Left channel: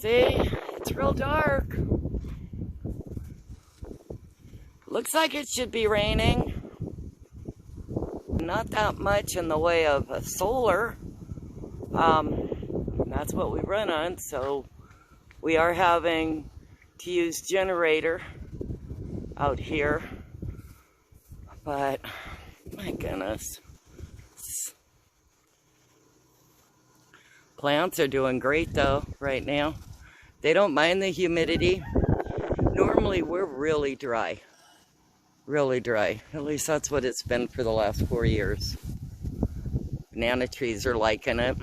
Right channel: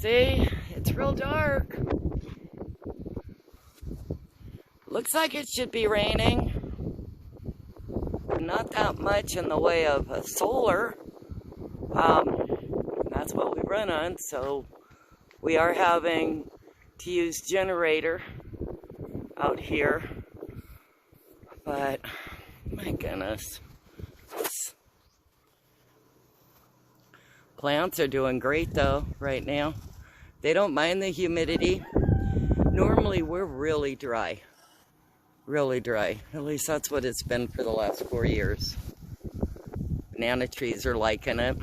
See, it's real dark. Looks like it should be raining. Not that much in the way of solar. That's what we run on, so we are having to use generator out here. But, my goodness. Plants are doing great though, right now. They don't mind the humidity. Normally we're really dry. Really dry. At least that's what it's been for the last 4 years. Banana trees are liking it.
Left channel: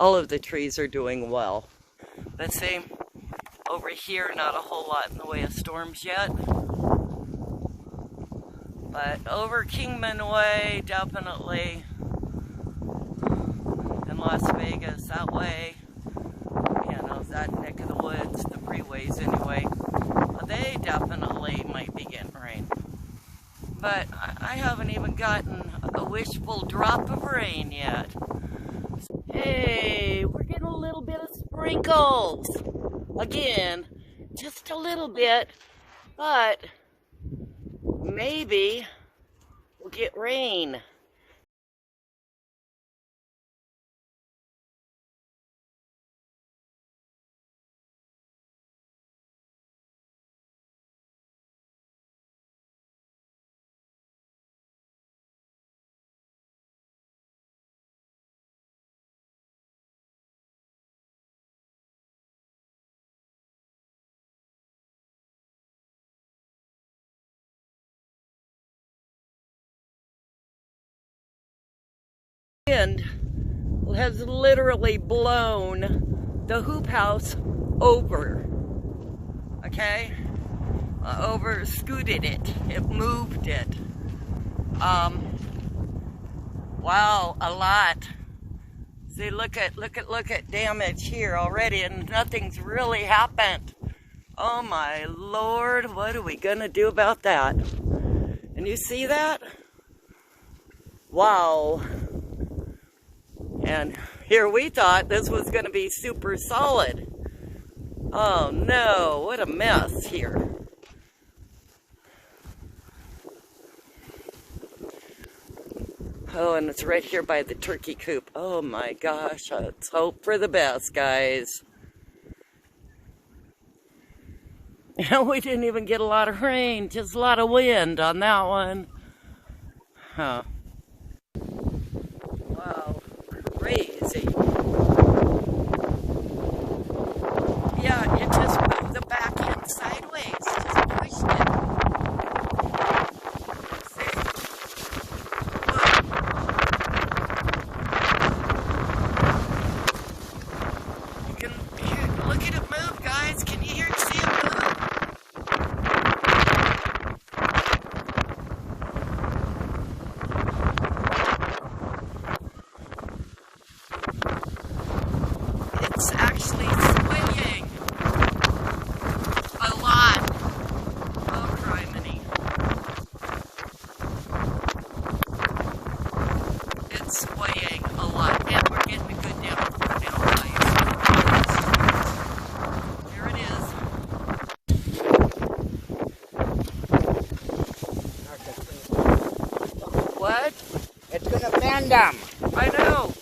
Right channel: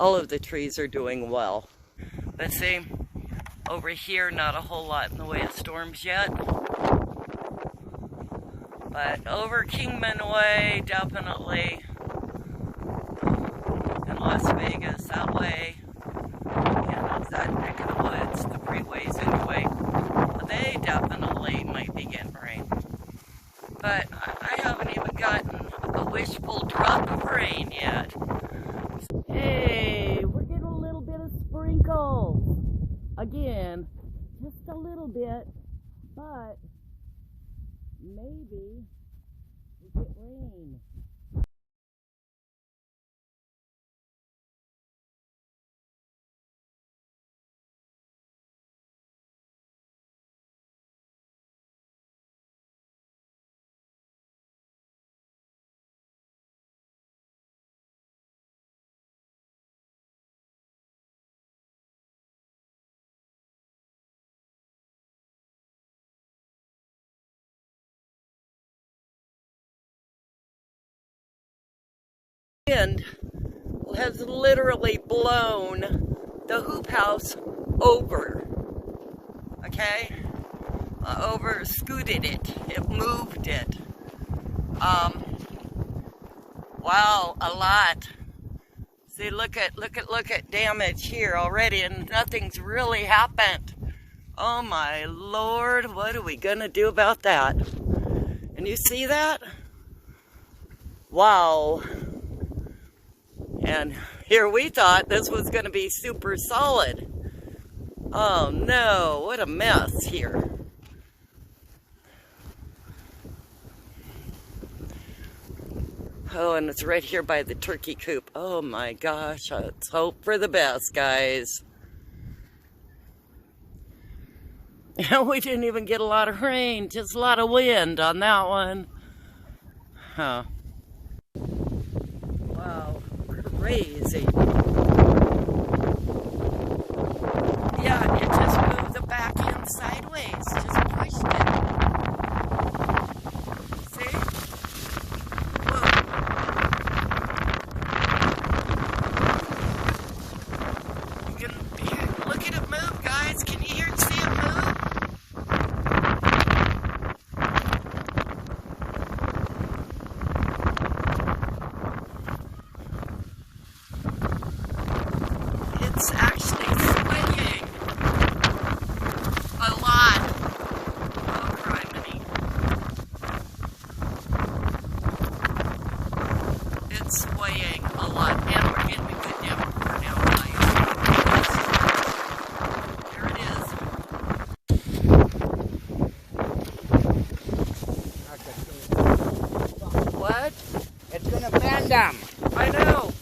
All of the trees are doing well. Let's see, over here, not a whole lot in the way of storms yet. But over Kingman Way, definitely. In Las Vegas, that way. That neck of the woods, the freeways anyway. But they definitely might be getting rain. But I haven't even gotten a wishful drop of rain yet. Hey, we're getting a little bit of sprinkles. Again, just a little bit, but maybe we'll get rain. Wind has literally blown the hoop house over, okay? Over scooted it. It moved it. Wow, a lot. See, look at damage here already, and nothing's really happened. Oh my Lord, what are we gonna do about that? And you see that? Wow. And here we thought this was going to be super solid. Oh no, what a mess here. Oh, and it's right here by the turkey coop. Oh my gosh, let's hope for the best, guys. And we didn't even get a lot of rain, just a lot of wind on that one. Huh. Wow. Crazy. Yeah, it just moved the back end sideways. Just pushed it. See? Look. You can look at it move, guys. Can you hear and see it move? It's actually swaying a lot. Oh, criminy. It's swaying a lot, and we're getting a good downpour now, guys. There it is. What? It's gonna fan them. I know.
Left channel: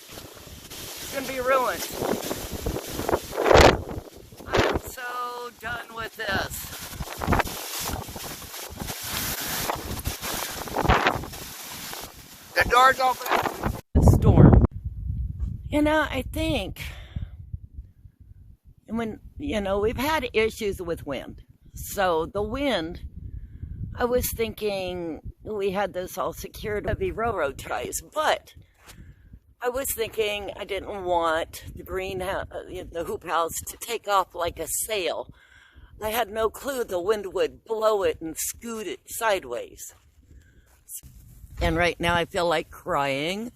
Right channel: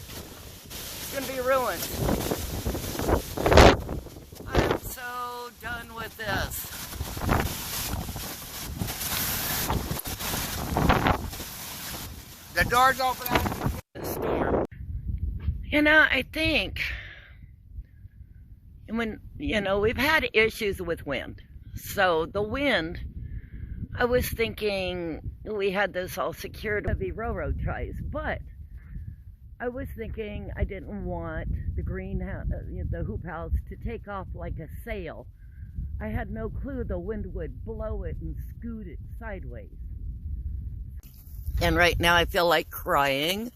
It's gonna be ruined. I'm so done with this. The door's open. Storm. You know, I think when, we've had issues with wind. So the wind, I was thinking we had this all secured, heavy railroad ties, but I was thinking I didn't want the greenhouse, the hoop house to take off like a sail. I had no clue the wind would blow it and scoot it sideways. And right now I feel like crying.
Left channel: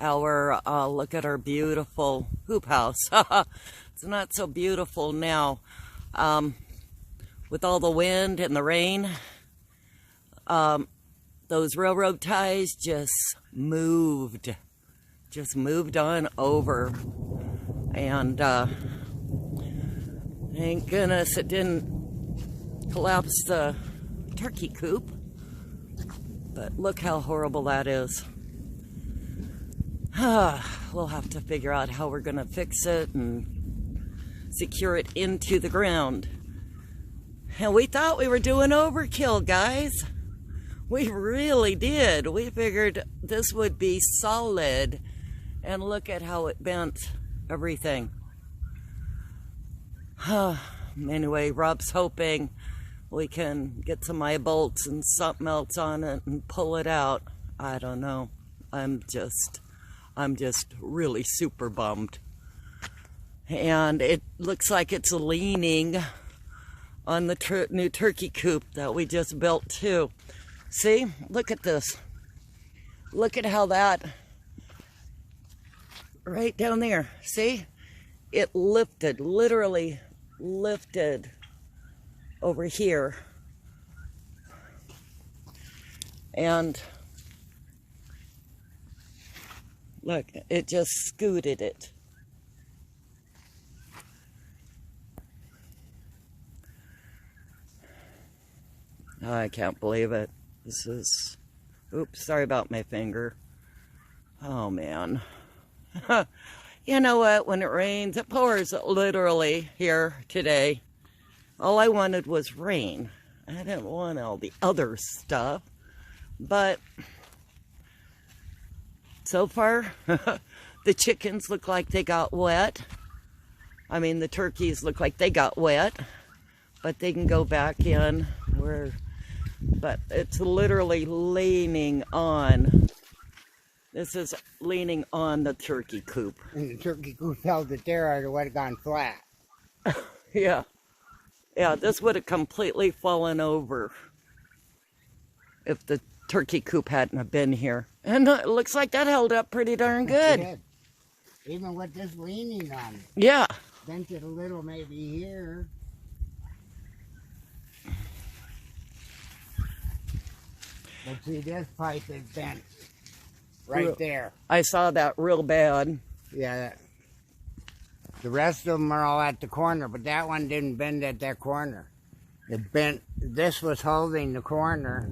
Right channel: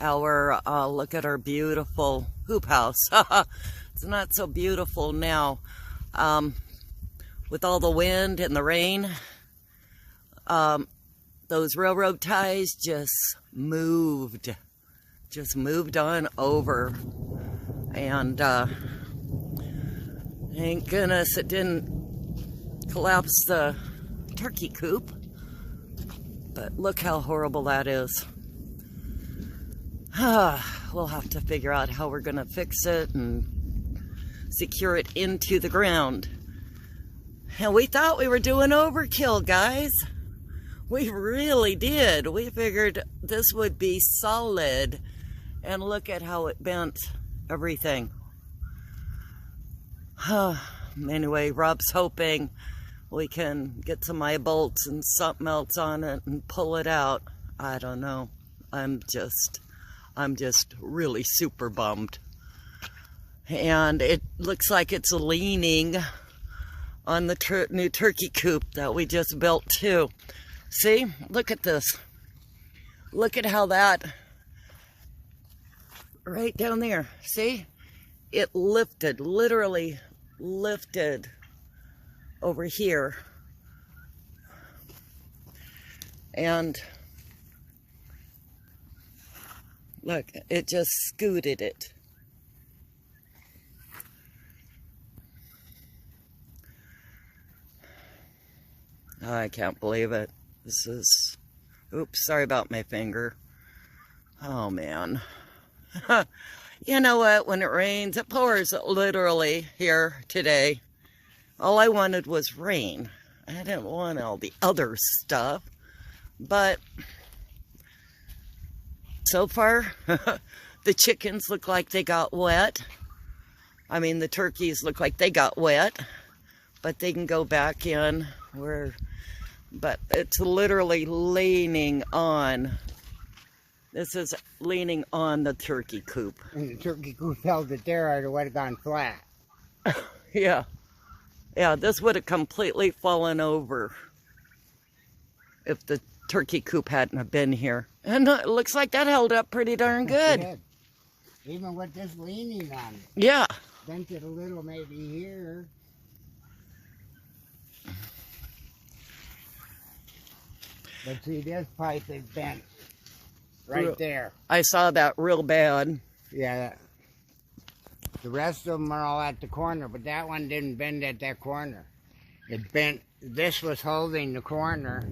Look at our beautiful hoop house. It's not so beautiful now. With all the wind and the rain, those railroad ties just moved on over. And Thank goodness it didn't collapse the turkey coop. But look how horrible that is. We'll have to figure out how we're going to fix it and secure it into the ground. And we thought we were doing overkill, guys. We really did. We figured this would be solid. And look at how it bent everything. Anyway, Rob's hoping we can get some eye bolts and something else on it and pull it out. I don't know. I'm just really super bummed. And it looks like it's leaning on the new turkey coop that we just built too. See, look at this. Look at how that, right down there, see? It lifted, literally lifted over here. And look, it just scooted it. I can't believe it. This is, oops, sorry about my finger. Oh man. You know what, when it rains, it pours literally here today. All I wanted was rain. I didn't want all the other stuff. But so far, the chickens look like they got wet. I mean, the turkeys look like they got wet. But they can go back in where, but it's literally leaning on. This is leaning on the turkey coop. And the turkey coop held it there, or it would have gone flat. Yeah. Yeah, this would have completely fallen over if the turkey coop hadn't have been here. And it looks like that held up pretty darn good. Even with this leaning on it. Yeah. Bent it a little maybe here. But see, this pipe is bent right there. I saw that real bad. Yeah. The rest of them are all at the corner, but that one didn't bend at that corner. It bent, this was holding the corner,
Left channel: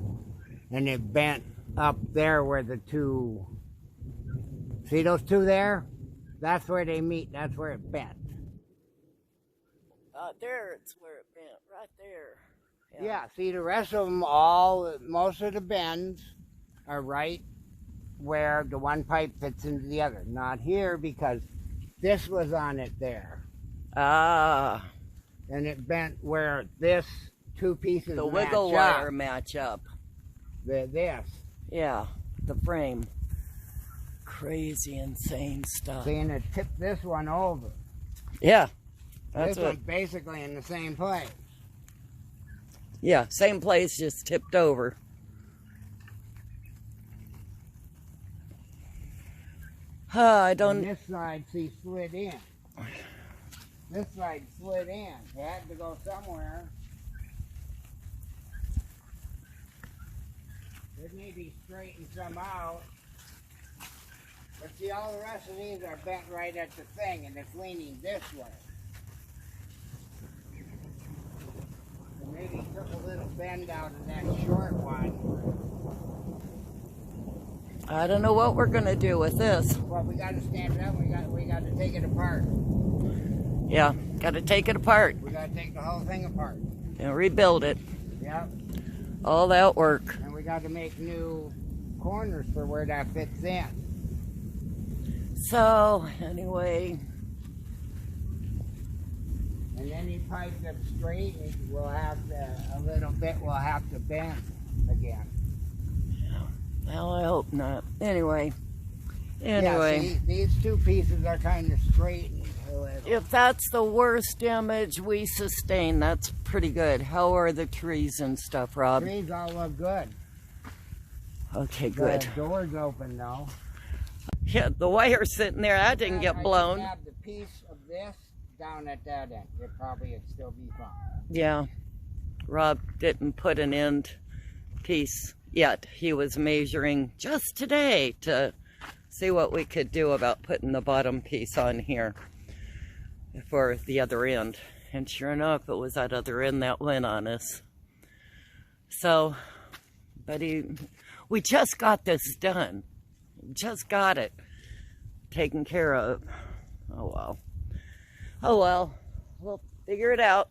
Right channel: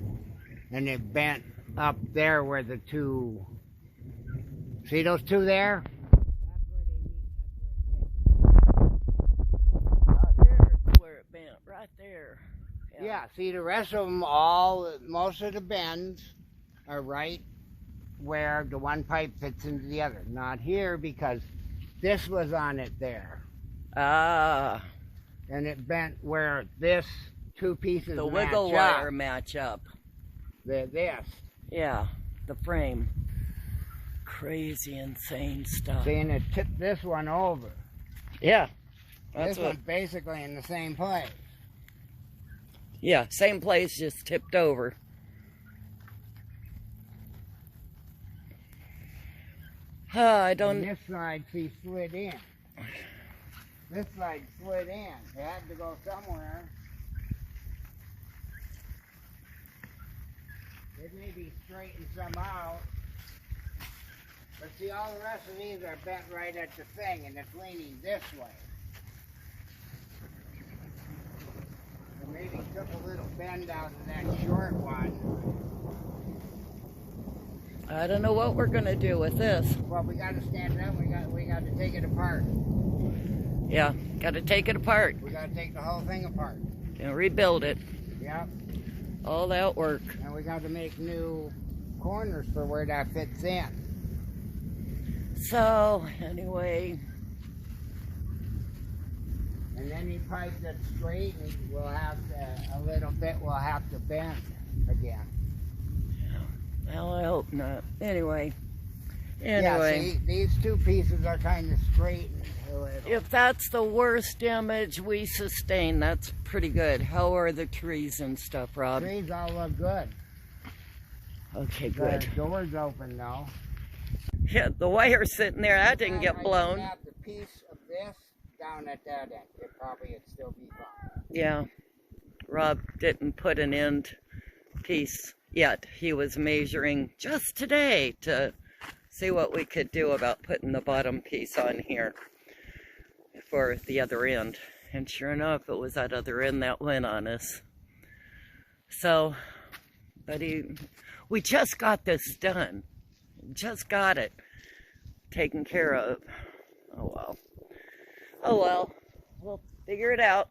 and it bent up there where the two, see those two there? That's where they meet, that's where it bent. There, it's where it bent, right there. Yeah, see the rest of them, most of the bends are right where the one pipe fits into the other. Not here because this was on it there. Ah. And it bent where this two pieces the wiggle wire match up. This. Yeah, the frame. Crazy, insane stuff. See, and it tipped this one over. Yeah. This one's basically in the same place. Yeah, same place, just tipped over. I don't... And this side, see, slid in. This side slid in. It had to go somewhere. It may be straightened some out. But see, all the rest of these are bent right at the thing, and it's leaning this way. So maybe took a little bend out of that short one. I don't know what we're gonna do with this. Well, we got to stand it up. We got to take it apart. Yeah, got to take it apart. We got to take the whole thing apart. And rebuild it. Yep. All that work. And we got to make new corners for where that fits in. So, anyway. And any pipe that's straight, we'll have to, a little bit, we'll have to bend again. Well, I hope not. Anyway. Yeah, see, these two pieces are kind of straight. If that's the worst damage we sustain, that's pretty good. How are the trees and stuff, Rob? Trees all look good. Okay, good. The door's open though. Yeah, the wire's sitting there. That didn't get blown. I have the piece of this down at that end. It probably would still be fine. Yeah. Rob didn't put an end piece yet. He was measuring just today to see what we could do about putting the bottom piece on here for the other end. And sure enough, it was that other end that went on us. So, but we just got this done. Just got it taken care of. Oh well. Oh well. We'll figure it out.